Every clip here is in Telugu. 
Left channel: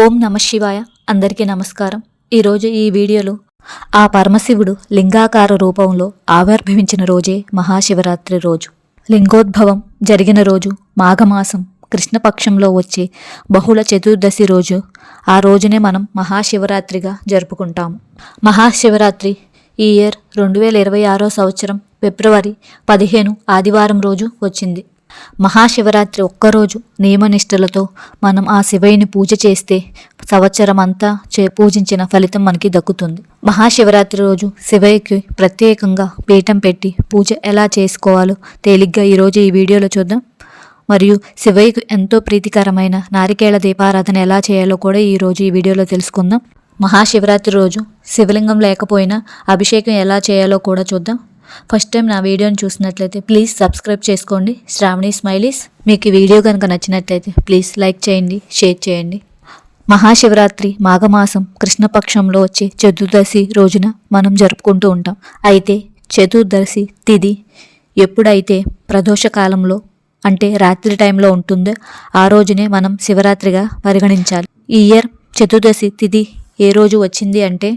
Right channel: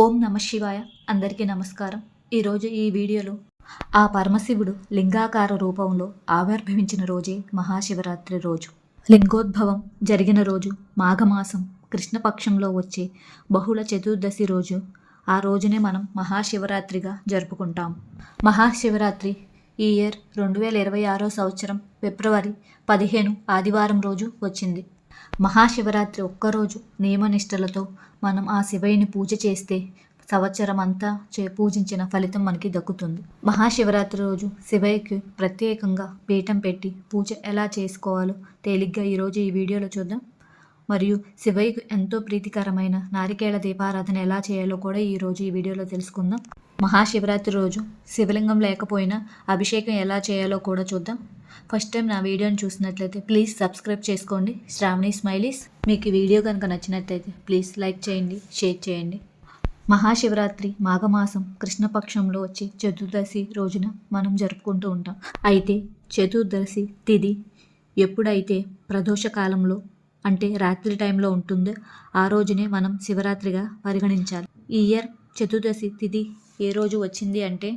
ఓం నమ శివాయ. అందరికీ నమస్కారం. ఈరోజు ఈ వీడియోలో ఆ పరమశివుడు లింగాకార రూపంలో ఆవిర్భవించిన రోజే మహాశివరాత్రి రోజు. లింగోద్భవం జరిగిన రోజు మాఘమాసం కృష్ణపక్షంలో వచ్చే బహుళ చతుర్దశి రోజు. ఆ రోజునే మనం మహాశివరాత్రిగా జరుపుకుంటాము. మహాశివరాత్రి ఈ ఇయర్ రెండు వేల ఇరవై ఆరో సంవత్సరం ఫిబ్రవరి పదిహేను ఆదివారం రోజు వచ్చింది. మహాశివరాత్రి ఒక్కరోజు నియమనిష్టలతో మనం ఆ శివయ్యని పూజ చేస్తే సంవత్సరం అంతా చే పూజించిన ఫలితం మనకి దక్కుతుంది. మహాశివరాత్రి రోజు శివయ్యకి ప్రత్యేకంగా పీఠం పెట్టి పూజ ఎలా చేసుకోవాలో తేలిగ్గా ఈరోజు ఈ వీడియోలో చూద్దాం. మరియు శివయ్యకు ఎంతో ప్రీతికరమైన నారికేళ దీపారాధన ఎలా చేయాలో కూడా ఈరోజు ఈ వీడియోలో తెలుసుకుందాం. మహాశివరాత్రి రోజు శివలింగం లేకపోయినా అభిషేకం ఎలా చేయాలో కూడా చూద్దాం. ఫస్ట్ టైం నా వీడియోని చూసినట్లయితే ప్లీజ్ సబ్స్క్రైబ్ చేసుకోండి. శ్రావణి స్మైలీస్ మీకు ఈ వీడియో కనుక నచ్చినట్లయితే ప్లీజ్ లైక్ చేయండి షేర్ చేయండి. మహాశివరాత్రి మాఘమాసం కృష్ణపక్షంలో వచ్చే చతుర్దశి రోజున మనం జరుపుకుంటూ ఉంటాం. అయితే చతుర్దశి తిథి ఎప్పుడైతే ప్రదోష కాలంలో అంటే రాత్రి టైంలో ఉంటుందో ఆ రోజునే మనం శివరాత్రిగా పరిగణించాలి. ఈ ఇయర్ చతుర్దశి తిథి ఏ రోజు వచ్చింది అంటే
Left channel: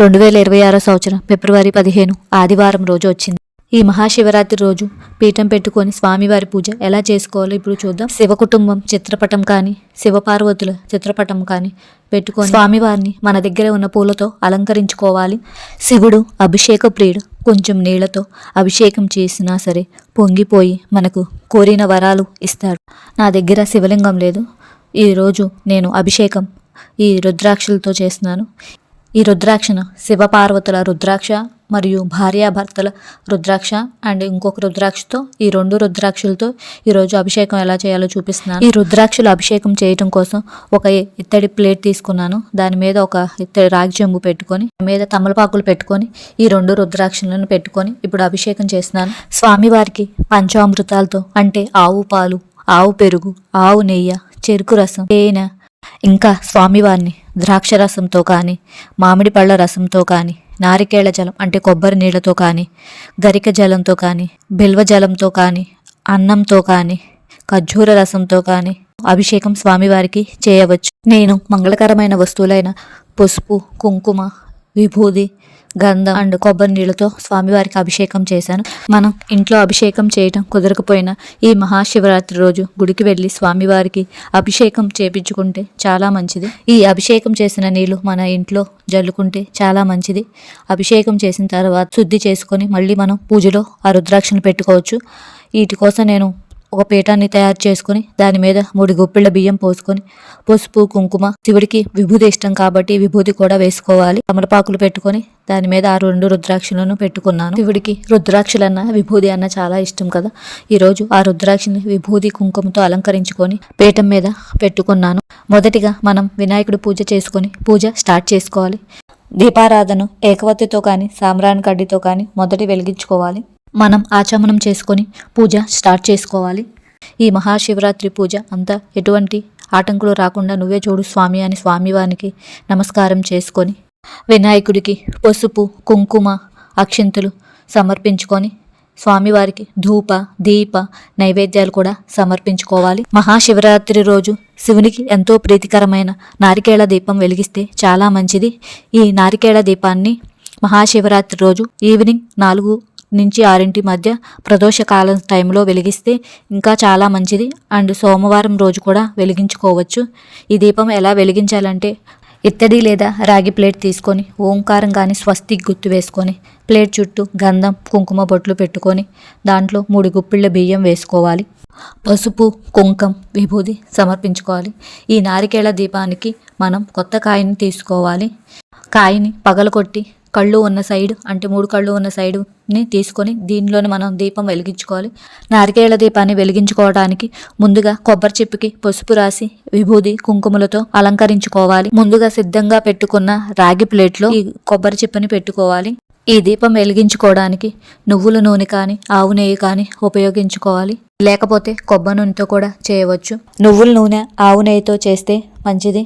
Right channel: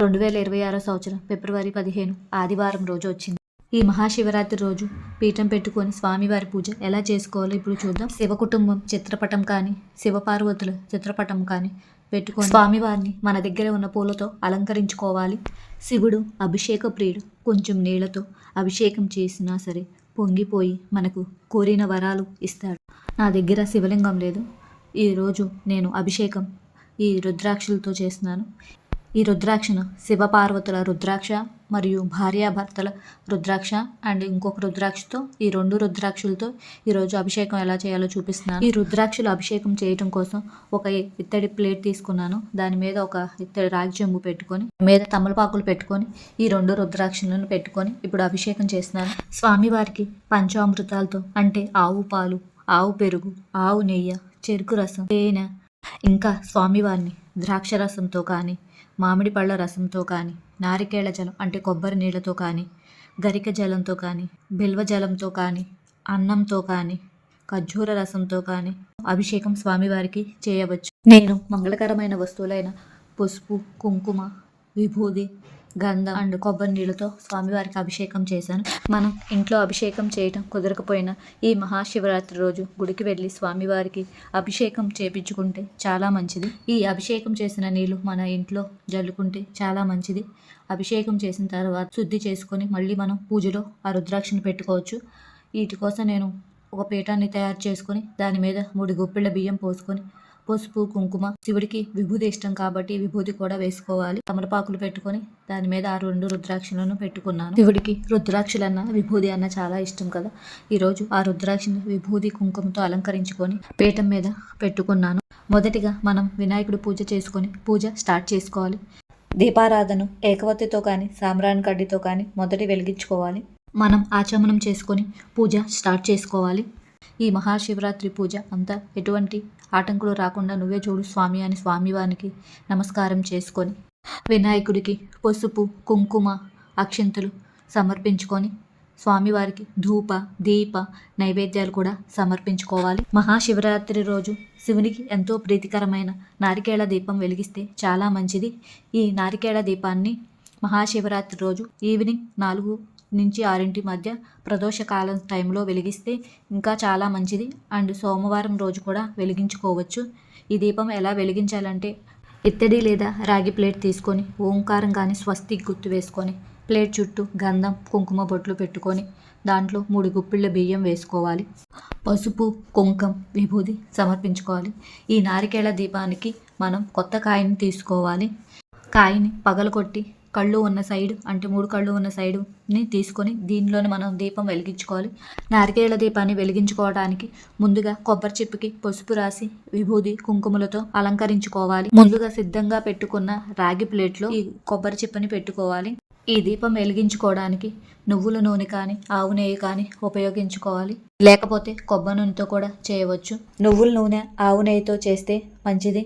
రెండు వేల ఇరవై ఆరో సంవత్సరం ఫిబ్రవరి పదిహేను ఆదివారం రోజు వచ్చింది. ఈ మహాశివరాత్రి రోజు పీఠం పెట్టుకొని స్వామివారి పూజ ఎలా చేసుకోవాలో ఇప్పుడు చూద్దాం. శివ కుటుంబం చిత్రపటం కానీ శివపార్వతుల చిత్రపటం కానీ పెట్టుకొని స్వామివారిని మన దగ్గర ఉన్న పూలతో అలంకరించుకోవాలి. శివుడు అభిషేక ప్రియుడు. కొంచెం నీళ్ళతో అభిషేకం చేసినా సరే పొంగిపోయి మనకు కోరిన వరాలు ఇస్తాడు. నా దగ్గర శివలింగం లేదు. ఈరోజు నేను అభిషేకం ఈ రుద్రాక్షలతో చేస్తున్నాను. ఈ రుద్రాక్షను శివపార్వతుల రుద్రాక్ష మరియు భార్యాభర్తల రుద్రాక్ష అండ్ ఇంకొక రుద్రాక్షతో ఈ రెండు రుద్రాక్షలతో ఈరోజు అభిషేకం ఎలా చేయాలో చూపిస్తున్నాను. ఈ రుద్రాక్షలు అభిషేకం చేయటం కోసం ఒక ఇత్తడి ప్లేట్ తీసుకున్నాను. దాని మీద ఒక ఇత్తడి రాగి చెంబు పెట్టుకొని మీద తమలపాకులు పెట్టుకొని ఈ రెండు రుద్రాక్షలను పెట్టుకొని ఇప్పుడు అభిషేకం చేస్తున్నాను. స్వామివారికి పంచామృతాలతో అంటే ఆవు పాలు ఆవు పెరుగు ఆవు నెయ్యి చెరుకు రసం తేనె ఇంకా స్వామివారిని ద్రాక్ష రసంతో కానీ మామిడి పళ్ళ రసంతో కానీ నారికేళ జలం అంటే కొబ్బరి నీళ్ళతో కానీ గరిక జలంతో కానీ బిల్వ జలంతో కానీ అన్నంతో కానీ ఖర్జూర రసంతో కానీ అభిషేకం స్వామివారికి చేయవచ్చు. నేను మంగళకరమైన వస్తువులైన పసుపు కుంకుమ విభూది గంధం అండ్ కొబ్బరి నీళ్ళతో స్వామివారికి అభిషేకం చేశాను. మనం ఇంట్లో అభిషేకం చేయటం కుదరకపోయినా ఈ మహాశివరాత్రి రోజు గుడికి వెళ్ళి స్వామివారికి అభిషేకం చేపించుకుంటే చాలా మంచిది. ఈ అభిషేకం చేసిన నీళ్ళు మన ఇంట్లో జల్లుకుంటే చాలా మంచిది. అభిషేకం చేసిన తర్వాత శుద్ధి చేసుకొని మళ్ళీ మనం పూజలో ఆ రుద్రాక్షను పెట్టుకోవచ్చు. వీటి కోసం నేను ఒక పీఠాన్ని తయారు చేసుకుని దాని మీద మూడు గుప్పిళ్ళ బియ్యం పోసుకొని పసుపు కుంకుమ శివుడికి విభూది ఇష్టం కాబట్టి విభూది కూడా వేసుకోవాలి. తమలపాకులు పెట్టుకొని దాని మీద ఆ రెండు రుద్రాక్షలను పెట్టుకున్నాను. శివుడికి రుద్రాక్షలన్న విభూది అన్న చాలా ఇష్టం కదా. ఈరోజు ఆ రుద్రాక్షని విభూది కుంకుమతో అలంకరించుకొని పీఠం మీద పెట్టుకున్నాను. మొదటిగా మనం వినాయకుడు పూజ చేసుకొని పూజ స్టార్ట్ చేసుకోవాలి. దీపారాధన ఏకవత్తితో కానీ సామ్రాన్ కడ్డితో కానీ మొదటి వెలిగించుకోవాలి. మనం ఆచమనం చేసుకొని పూజ స్టార్ట్ చేసుకోవాలి. ఈ మహాశివరాత్రి పూజ అంతా ఎటువంటి ఆటంకులు రాకుండా నువ్వే చూడు స్వామి అని స్వామివారికి నమస్కారం చేసుకొని వినాయకుడికి పసుపు కుంకుమ అక్షింతలు సమర్పించుకొని స్వామివారికి ధూప దీప నైవేద్యాలు కూడా సమర్పించుకోవాలి. మహాశివరాత్రి రోజు శివునికి ఎంతో ప్రీతికరమైన నారికేళ దీపం వెలిగిస్తే చాలా మంచిది. ఈ నారికేళ దీపాన్ని మహాశివరాత్రి రోజు ఈవినింగ్ నాలుగు నుంచి ఆరింటి మధ్య ప్రదోష కాలం టైంలో వెలిగిస్తే ఇంకా చాలా మంచిది. అండ్ సోమవారం రోజు కూడా వెలిగించుకోవచ్చు. ఈ దీపం ఎలా వెలిగించాలంటే ఇత్తడి లేదా రాగి ప్లేట్ తీసుకొని ఓంకారం కానీ స్వస్తి గుర్తు వేసుకొని ప్లేట్ చుట్టూ గంధం కుంకుమ బొట్లు పెట్టుకొని దాంట్లో మూడు గుప్పిళ్ళ బియ్యం వేసుకోవాలి. పసుపు కుంకం విభూది సమర్పించుకోవాలి. ఈ నారికేళ దీపానికి మనం కొత్త కాయని తీసుకోవాలి. కాయని పగలకొట్టి కళ్ళు ఉన్న సైడ్ అంటే మూడు కళ్ళు ఉన్న సైడ్ని తీసుకొని దీనిలోనే మనం దీపం వెలిగించుకోవాలి. నారికేళ్ళ దీపాన్ని వెలిగించుకోవడానికి ముందుగా కొబ్బరి చిప్పకి పసుపు రాసి విభూది కుంకుమలతో అలంకరించుకోవాలి. ముందుగా సిద్ధంగా పెట్టుకున్న రాగి ప్లేట్లో ఈ కొబ్బరి చిప్పని పెట్టుకోవాలి. ఈ దీపం వెలిగించుకోవడానికి నువ్వుల నూనె కానీ ఆవు నెయ్యి కానీ ఉపయోగించుకోవాలి. లేకపోతే కొబ్బరి నూనెతో కూడా చేయవచ్చు. నువ్వుల నూనె ఆవు నెయ్యితో చేస్తే మంచిది.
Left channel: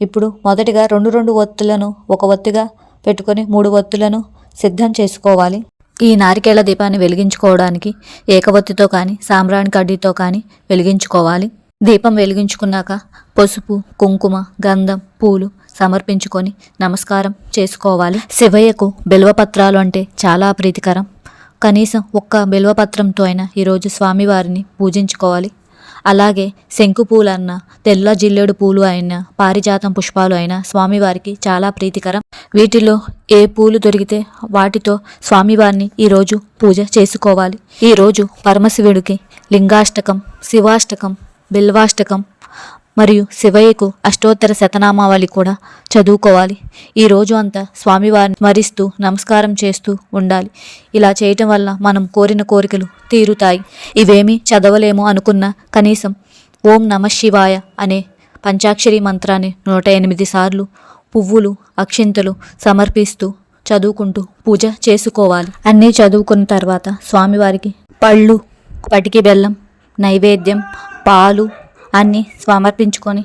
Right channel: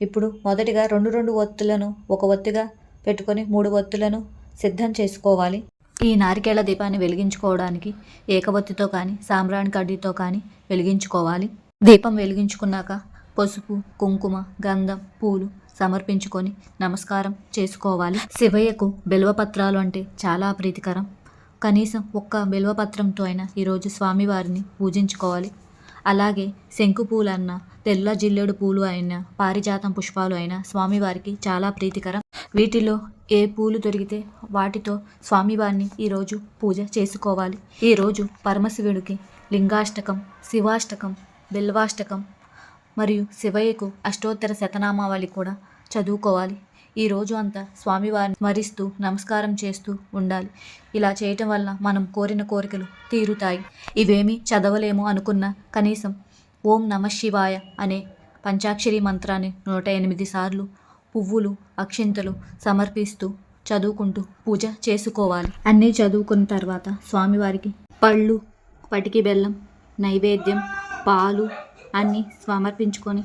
ఇప్పుడు మొదటిగా రెండు రెండు ఒత్తులను ఒక ఒత్తిగా పెట్టుకొని మూడు ఒత్తులను సిద్ధం చేసుకోవాలి. ఈ నారికేళ్ళ దీపాన్ని వెలిగించుకోవడానికి ఏకవత్తితో కానీ సాంబ్రాణి కడ్డీతో కానీ వెలిగించుకోవాలి. దీపం వెలిగించుకున్నాక పసుపు కుంకుమ గంధం పూలు సమర్పించుకొని నమస్కారం చేసుకోవాలి. శివయ్యకు బిల్వపత్రాలు అంటే చాలా ప్రీతికరం. కనీసం ఒక్క బిల్వపత్రంతో అయినా ఈరోజు స్వామివారిని పూజించుకోవాలి. అలాగే శంకు పూలన్న అన్న తెల్ల జిల్లేడు పూలు అయినా పారిజాతం పుష్పాలు అయినా స్వామివారికి చాలా ప్రీతికరం. వీటిలో ఏ పూలు దొరికితే వాటితో స్వామివారిని ఈరోజు పూజ చేసుకోవాలి. ఈరోజు పరమశివుడికి లింగాష్టకం శివాష్టకం బిల్వాష్టకం మరియు శివయ్యకు అష్టోత్తర శతనామావళి కూడా చదువుకోవాలి. ఈ రోజు అంతా స్వామివారిని స్మరిస్తూ నమస్కారం చేస్తూ ఉండాలి. ఇలా చేయటం వల్ల మనం కోరిన కోరికలు తీరుతాయి. ఇవేమీ చదవలేము అనుకున్న కనీసం ఓం నమ శివాయ అనే పంచాక్షరి మంత్రాన్ని నూట ఎనిమిది సార్లు పువ్వులు అక్షింతలు సమర్పిస్తూ చదువుకుంటూ పూజ చేసుకోవాలి. అన్నీ చదువుకున్న తర్వాత స్వామివారికి పళ్ళు పటికి బెల్లం నైవేద్యం పాలు అన్నీ సమర్పించుకొని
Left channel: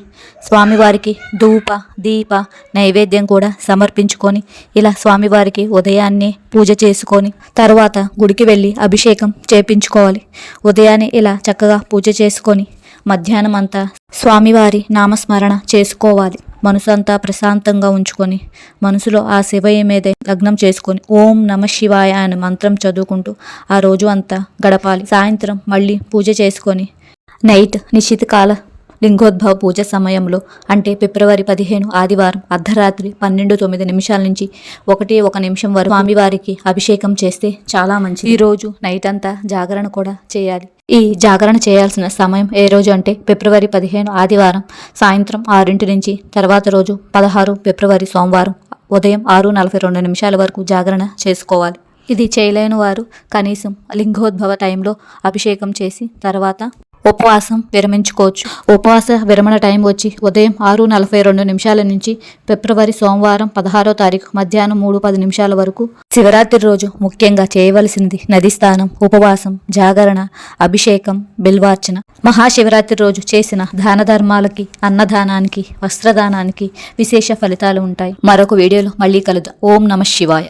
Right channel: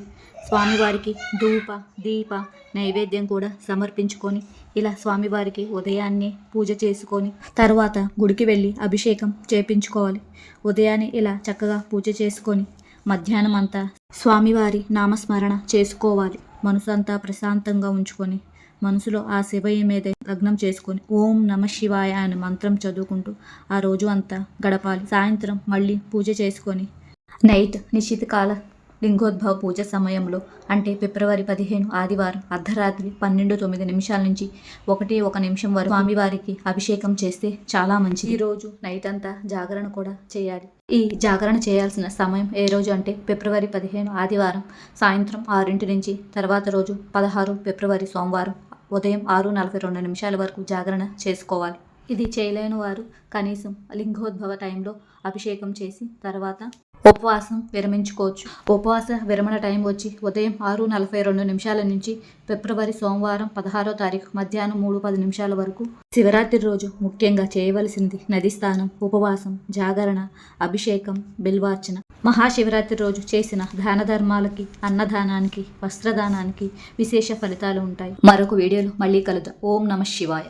స్వామివారికి ధూప దీప నైవేద్యం కూడా సమర్పించుకొని ఇలా స్వామివారికి ఉదయాన్నే పూజ చేసుకొని తర్వాత గుడికి వెళ్ళి అభిషేకం చేపించుకోవాలి. ఉదయాన్నే ఇలా చక్కగా పూజ చేసుకొని మధ్యాహ్నం అంతా స్వామివారి నామస్మరణ చేసుకోవాలి. మనసు అంతా ప్రశాంతంగా ఉంచుకొని మనసులో ఆ శివయ్య మీదే లగ్నం చేసుకొని ఓం నమ శివాయ అనే మంత్రం చదువుకుంటూ ఆ రోజు అంతా గడపాలి. సాయంత్రం మళ్ళీ పూజ చేసుకొని నైట్ నిశ్చిత కాల లింగోద్భవ పూజ సమయంలో అంటే ఫిబ్రవరి పదిహేను ఆదివారం అర్ధరాత్రి పన్నెండు తొమ్మిది నిమిషాల నుంచి ఒకటి ఒక నిమిషం వరకు స్వామివారికి అభిషేకం చేస్తే చాలా మంచిది. ఈరోజు నైట్ అంతా జాగరణ కూడా చేయాలి. ఈ జాగరణ చేయాల్సిన సమయం ఏ రోజు అంటే ఫిబ్రవరి పదిహేను ఆదివారం సాయంత్రం ఆరింటి నుంచి తర్వాత రోజు పదహారు ఫిబ్రవరి సోమవారం ఉదయం ఆరు నలభై రెండు నిమిషాల వరకు జాగరణ చేసుకోవాలి. ఇది చేయలేని వారు కనీసం లింగోద్భవ టైంలో అభిషేకం చేసి తర్వాత ఉపవాసం విరమించుకోవచ్చు. ఉపవాస విరమణ టైం వచ్చి ఉదయం ఆరు నలభై రెండు నిమిషాల నుంచి ఫిబ్రవరి సోమవారం పదహారో తారీఖు మధ్యాహ్నం మూడు పది నిమిషాల వరకు శివరాత్రి రోజు ముఖ్యంగా చేయవలసింది నది స్నానం ఉపవాసం జాగరణ అభిషేకం బిల్వార్చన. మహాశివరాత్రి రోజు చేసిన దాన ధర్మాలకి అన్నదానానికి వస్త్రదానానికి విశేష ఫలితాలు ఉంటాయి. మరొక వీడియోలో మళ్ళీ కలుద్దాం. ఓం నమ శివాయ.